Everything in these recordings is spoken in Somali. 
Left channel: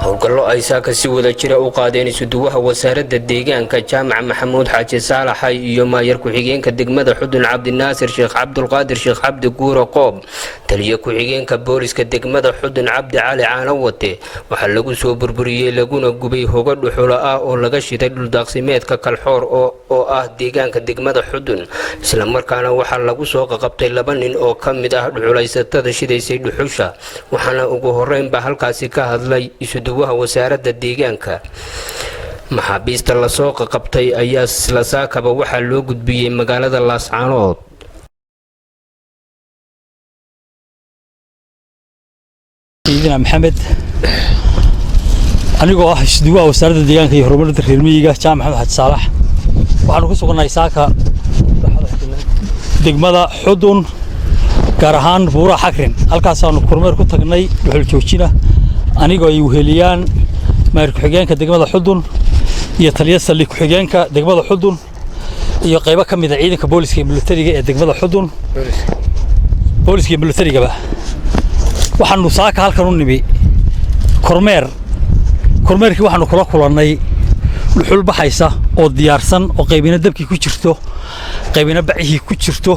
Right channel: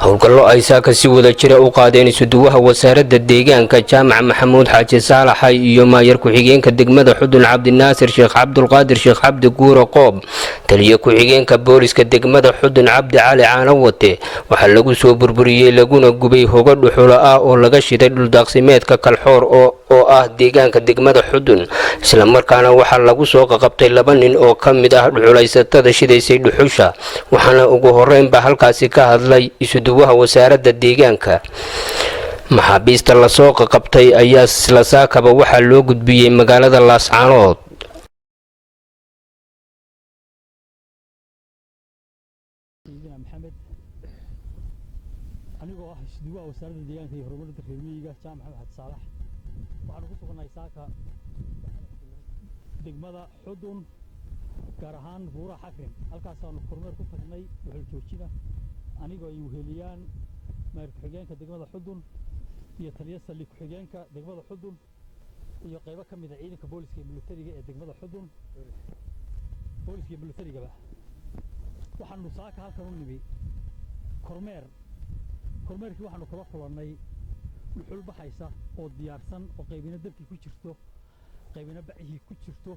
howlgallo ay saaka si wada jira u qaadeen isuduwaha wasaaradda deegaanka jaamac maxamuud xaaji saalaxay iyo maayar ku-xigeenka degmada xudun cabdinaasir sheekh cabdulqaadir sheekh cabdi guuro qoob taliye ku-xigeenka booliska degmada xudun cabdi cali caanawate waxaa lagu soo burburiyey laguna gubay hogo dhuxulo ah oo laga shiday dhuldaaqsimeedka kalxoor oo ah deegaanka degmada xudun isla markaana waxaa lagu soo qaqabtay 2 nin oo ka mid ah dhuxulaysatada shidaysay dhuxusha waxaana ugu horeynba halkaasi ka hadlay isuduwaha wasaaradda deegaanka maxaabiista la soo qaqabtay ayaa isla saakaba waxaa loo gudbiyey magaalada Laascaanood سيدنا محمد anigoo ah isuduwaha wasaaradda deegaanka iyo horumarinta reer miyiga jaamac maxamed xaaji saalax waxaanu ku sugannahay saaka degmada xudun gaar ahaan buuraha xakrin halkaasaanu kormeer ku tagnay dhuxul joojina anigoo ay weheliyaan maayar ku-xigeenka degmada xudun iyo taliye saldhig ku-xigeenka degmada xudun iyo qaybo ka mid ah ciidanka booliska iyo militariga ee degmada xudun booliska iyo militarigaba waxaanu saaka halkan u nimi kormeerkii waxaanu kula kulannay dhuxul baxaysa oo diyaarsan oo qaybina dabkii ku jirto qaybina bacihii ku jirto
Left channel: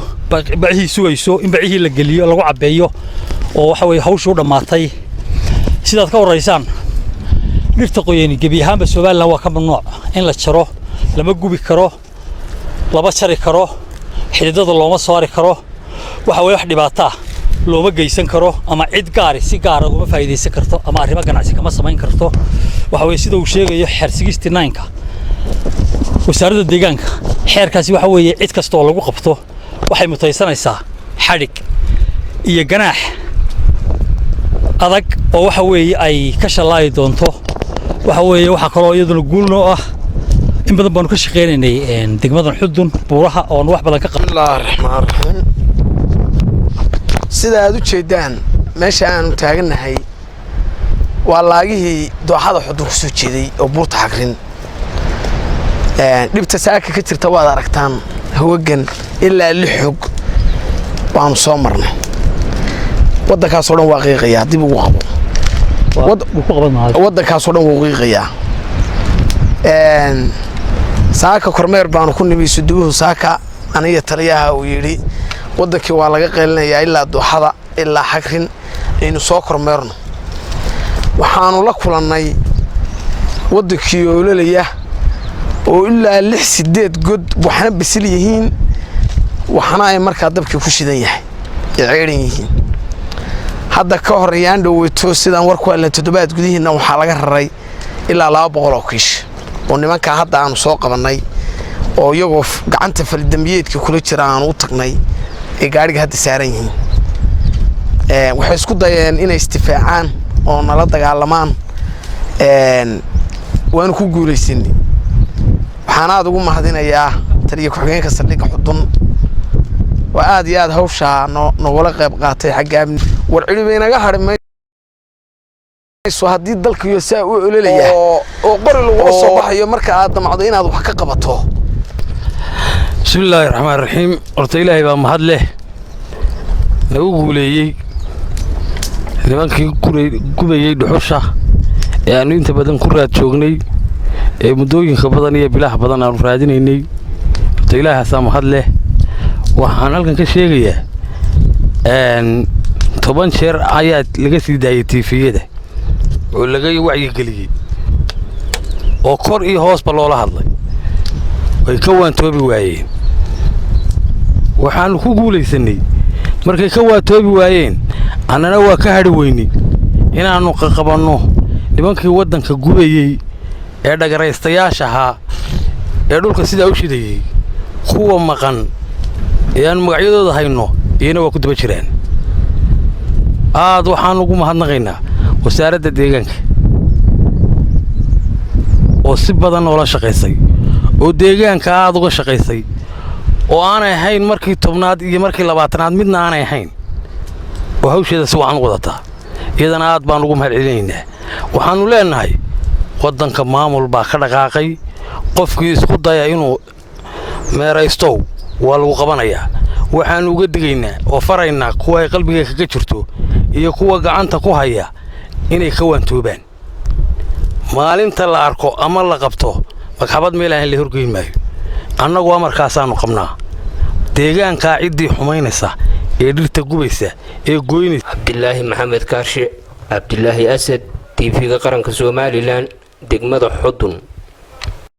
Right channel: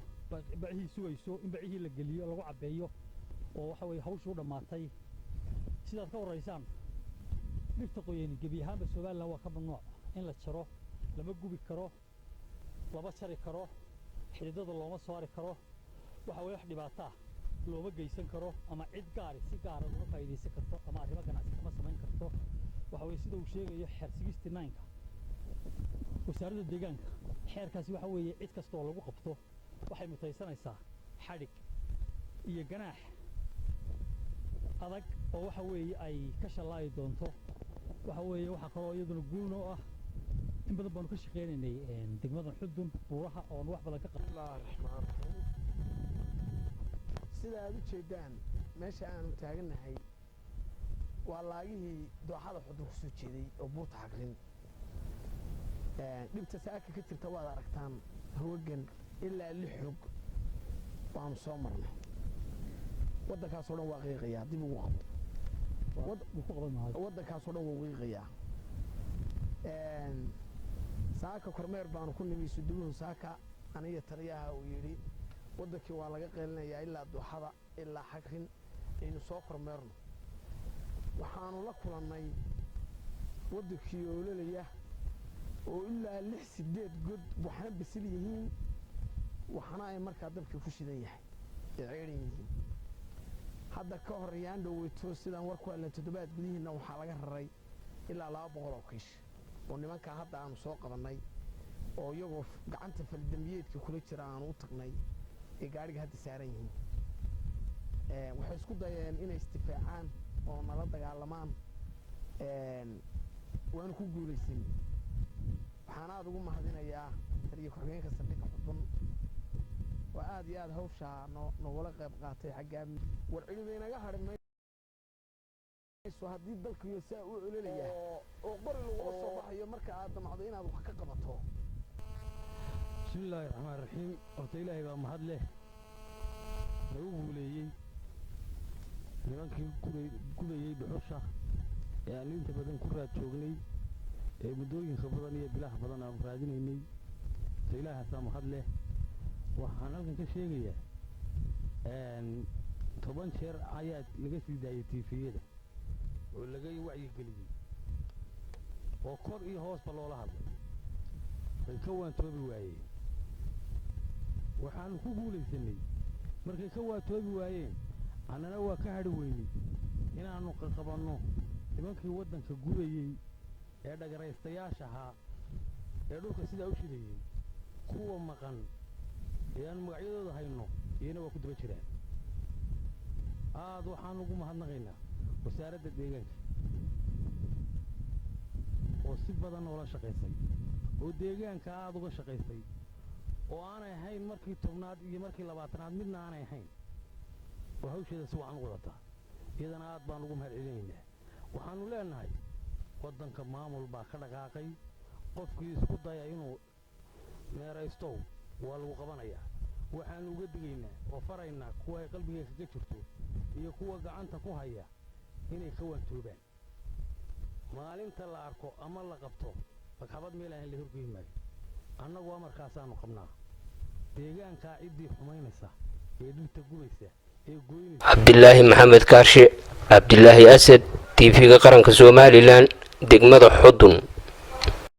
bacihii sugayso in bacihii la geliyo lagu cabeeyo oo waxa weeye hawshu u dhamaatay sidaad ka waraysaan dhirta qoyani gebi ahaanba Soomaaliland waa ka mamnuuc in la jaro lama gubi karo laba jari karo xididada looma saari karo waxa weeye wax dhibaato ah looma geysan karo ama cid gaar si gaar ah uga faa'iideysan karto ama arrimo ganacsi kama samayn karto waxa weeye sida uu sheegayo xeer 69ka wasaaradda deegaanka xeerkaasi waxa weeye cid kasta oo lagu qabto waxay mutaysanaysaa xadhig iyo ganaax adag oo waxa weeye ay ka shalaay doonto waxa weeye waxa kale oo iyaduna guulno ah in badan baan ka shaqeynay degmadan xudun buuraha oo wax badan ka qabto bismillaahir rahmaanir rahiim sida aad u jeedaan meesha aan taaganahay waa laagihii dooxada xudun ku soo jeeday oo buurta xakrin dhibta saaka ka jirta waad aragtaan hawagan ilaa 6 xog waanu soo marnay waddankaas oo dhan waa qiiqayaa dib ugu qabo waddankaas oo dhan wuu qiiqayaa saaka kormeer baanu ku nimi isuduwuhu saaka aniga taliyaha uu yiri waddankii waa laga qeylinayaa ilaa dooxada ilaa xakrin aynu soo kormeerno waxaanu la kulannay waddankii oo leelaya oo ilaa 6-8 god waxna bisil yihiin waxna ay markaa dabkii ku shidan yahay ceerin yihiin hadda ka horeyaan dhaweyto sidaan war ku helnay 7 gudihiina waxaa laga raray ilaa 200 oo kiish oo nimanka hadda aanu soo qabanay oo iyagoo gacanta faldambiyeedka kula jira aanu u tagnay ee gaariga hadda saaran yihiin waxay isku dayeen inay istifaacaan oo nala dagaalamaan waanu ku guuleysanay waxaan aad ugu mahadinayaa taliye ku-xigeenka saldhigga xudun waa aad iyo aad hawsha nogala qayb qaatay xagga war cilmi inaga harmayso haddii dalka iyo saa u ololaya oo qori lagu soo baxayo marka aad damacdo inaad wax ka qabato bismillaahir rahmaanir rahiim horta ilaahay baa mahad leh nagu guuleeyay nimankii gubayay dhuxusha ee aanu inta badan ku raad joognay ee muddooyinka badan iyo bilaha badan aanu raadinaynay horta ilaahaas mahad leh waxaan halkan ka sheegayaa 10 jeer ayaa laga sii daayay TV-yada oo laga wacyi geliyay oo kor iyo hoosba loola hadlay way ka waantoobi waayeen waxaan ku guuleysanay markay ka waantoobi waayeen annana waa ka hadhi weynay inaanu qabanno nimankii waddanka gubayay ee dhagaraystayaasha ahaa ee dhulka sidaa u shidayay kuwa maqan ee aan magacyadooda hayno iyana waa ku daba jiraan aad waxaan ugu mahadnaqaynaa wasaaradda deegaanka oo si badan oo la shaqeysay oo deegaanka aad uga shaqeysay oo aanay ahayn markii 10aad iyo markii 20aad midna aanay ahayn oo hawsheeda si wacan u wadataa iyadana aad baan ugu mahadcelinaynaa waxaanu leenahay waddanka maamul baa ka dhaqaaqay qofkii isku daya inuu meeraysto waa lagu qabanayaa waxaan uga digaynaa oo faraynaa kuwa ay qalbiga kaga jirto iyo kuwa gacanta ku haya inay ka waantoobaan maalinta la arko ama la qabto magxabad meel aan la horgeyn maayo annagu amarkaasaanu qabnaa deegaanka cidii xumaynaysa ee dhirta gubaysa ee gooynaysa Cabdillaahi Maxamed Kaarshe Cabdillaahi Asad TV-ga qaranka Soomaaliland degmada Xudun